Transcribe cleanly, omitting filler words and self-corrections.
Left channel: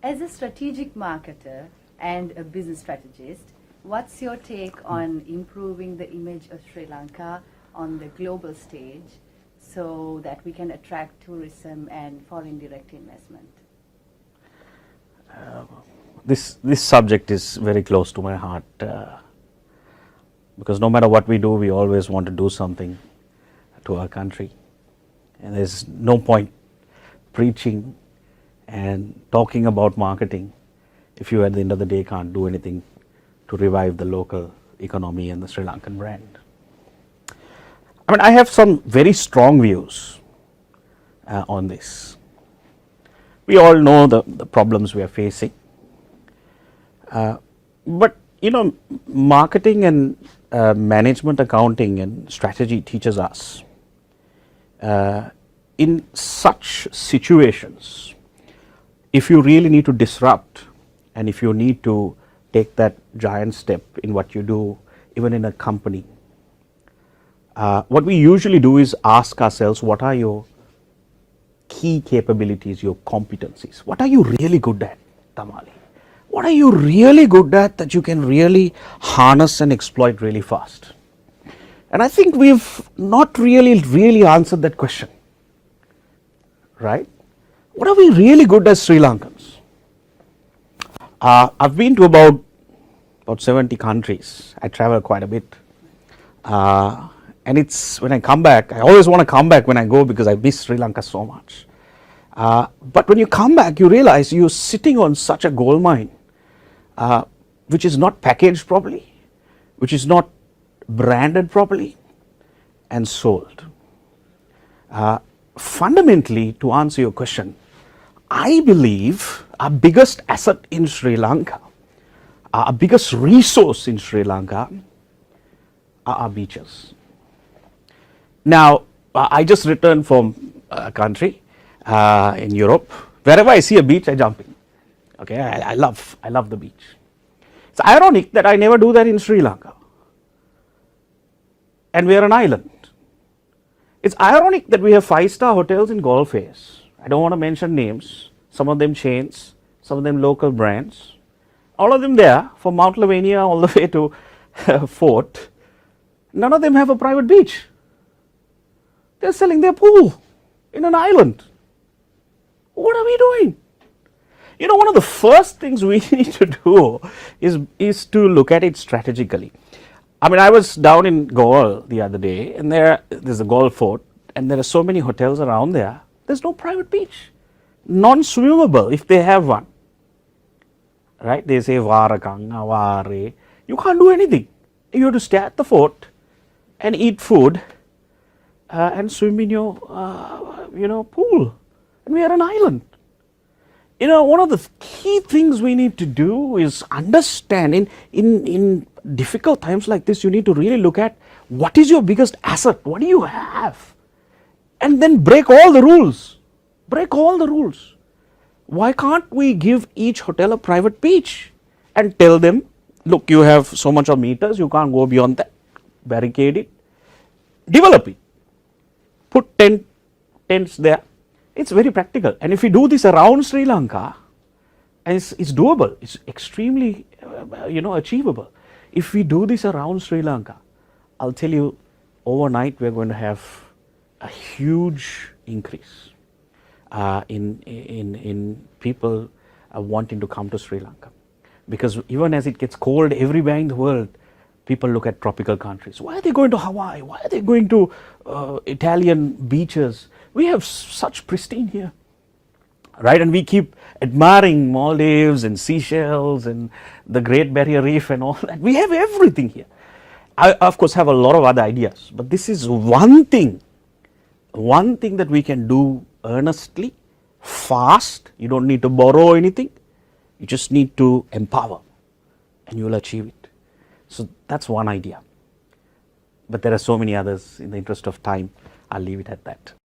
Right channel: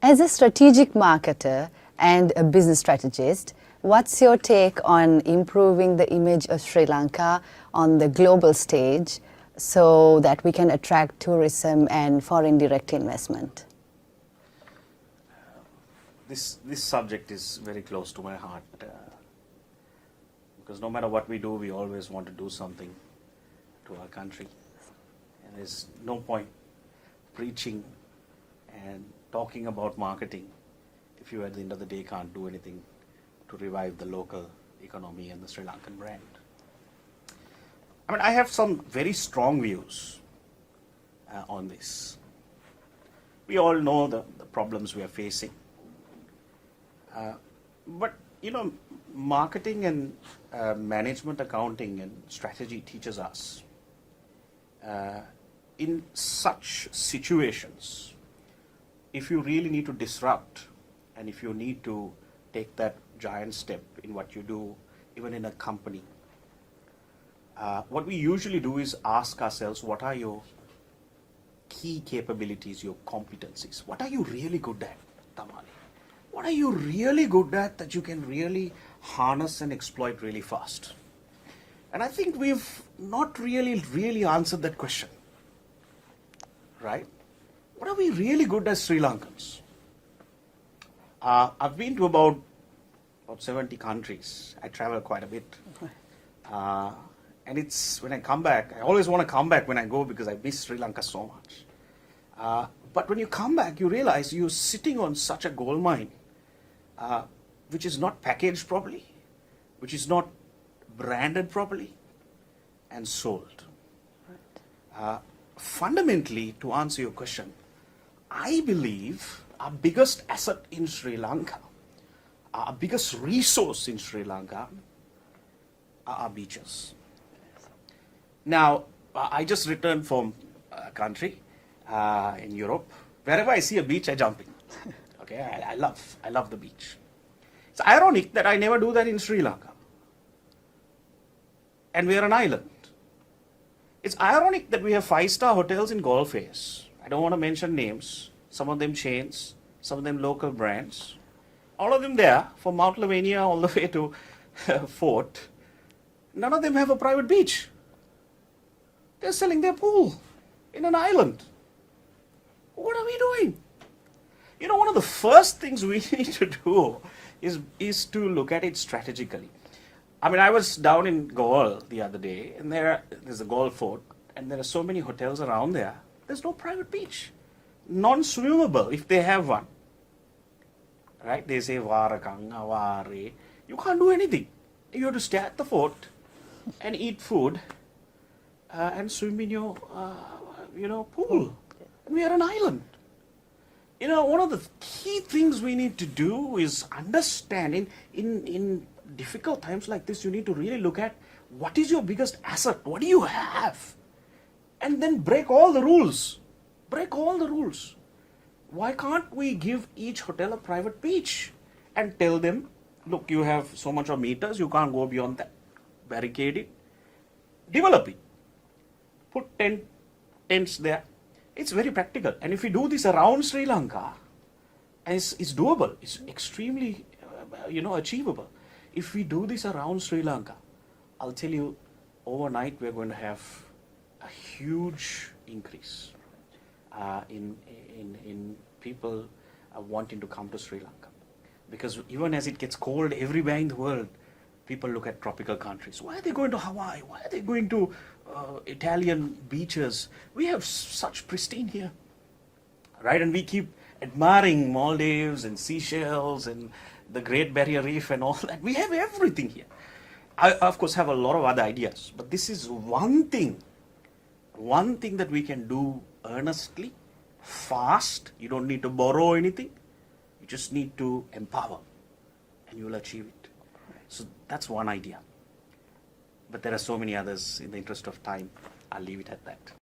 As a strategic marketer and a business strategist, what's your take on improving the image of Sri Lanka on the global stage so that we can attract tourism and foreign direct investment? This subject is very close to my heart because no matter what we do, we always want to do something to our country, and there's no point preaching and talking about marketing if you at the end of the day can't do anything to revive the local economy and the Sri Lankan brand. I mean, I have some very strong views on this. We all know the problems we are facing. But you know, marketing and management accounting and strategy teaches us in such situations, if you really need to disrupt and if you need to take that giant step in what you do, even in a company, what we usually do is ask ourselves, what are your key capabilities, your competencies? What are you really good at, Tamali? What are you really good at that you can really harness and exploit really fast? And I think we've not really answered that question, right? What are we really good as Sri Lankans? I've been to about 70 countries. I travel quite a bit. And it's when I come back, I always want to come back when I go because I miss Sri Lanka so much. But when you come back, you realize you're sitting on such a gold mine, which is not packaged properly, which is not branded properly and sold. Fundamentally, to answer your question, I believe our biggest asset in Sri Lanka, our biggest resource in Sri Lanka are our beaches. Now, I just returned from a country in Europe. Wherever I see a beach, I jump in. Okay, I love the beach. It's ironic that I never do that in Sri Lanka, and we are an island. It's ironic that we have 5-star hotels in Gulf Face. I don't want to mention names. Some of them chains, some of them local brands. All of them there, from Mount Lavinia all the way to Fort. None of them have a private beach. They're selling their pool in an island. What are we doing? You know, one of the first things we need to do is to look at it strategically. I mean, I was down in Goa the other day, and there's a Goa fort, and there are so many hotels around there. There's no private beach, non-swimmable if they have one. Right? They say Varakang, Avare. You can't do anything. You have to stay at the fort and eat food and swim in your pool. And we are an island. You know, one of the key things we need to do is understand in difficult times like this, you need to really look at what is your biggest asset, what do you have, and then break all the rules. Break all the rules. Why can't we give each hotel a private beach and tell them, look, you have so much of meters, you can't go beyond that, barricade it, develop it, put tents there. It's very practical, and if we do this around Sri Lanka, and it's doable, it's extremely achievable. If we do this around Sri Lanka, I'll tell you, overnight we're going to have a huge increase in people wanting to come to Sri Lanka, because even as it gets cold everywhere in the world, people look at tropical countries. Why are they going to Hawaii? Why are they going to Italian beaches? We have such pristine here, right? And we keep admiring Maldives and Seychelles and the Great Barrier Reef and all that. We have everything here. I, of course, have a lot of other ideas, but this is one thing that we can do earnestly, fast. You don't need to borrow anything. You just need to empower, and you will achieve it. So that's one idea. But there are so many others. In the interest of time, I'll leave it at that.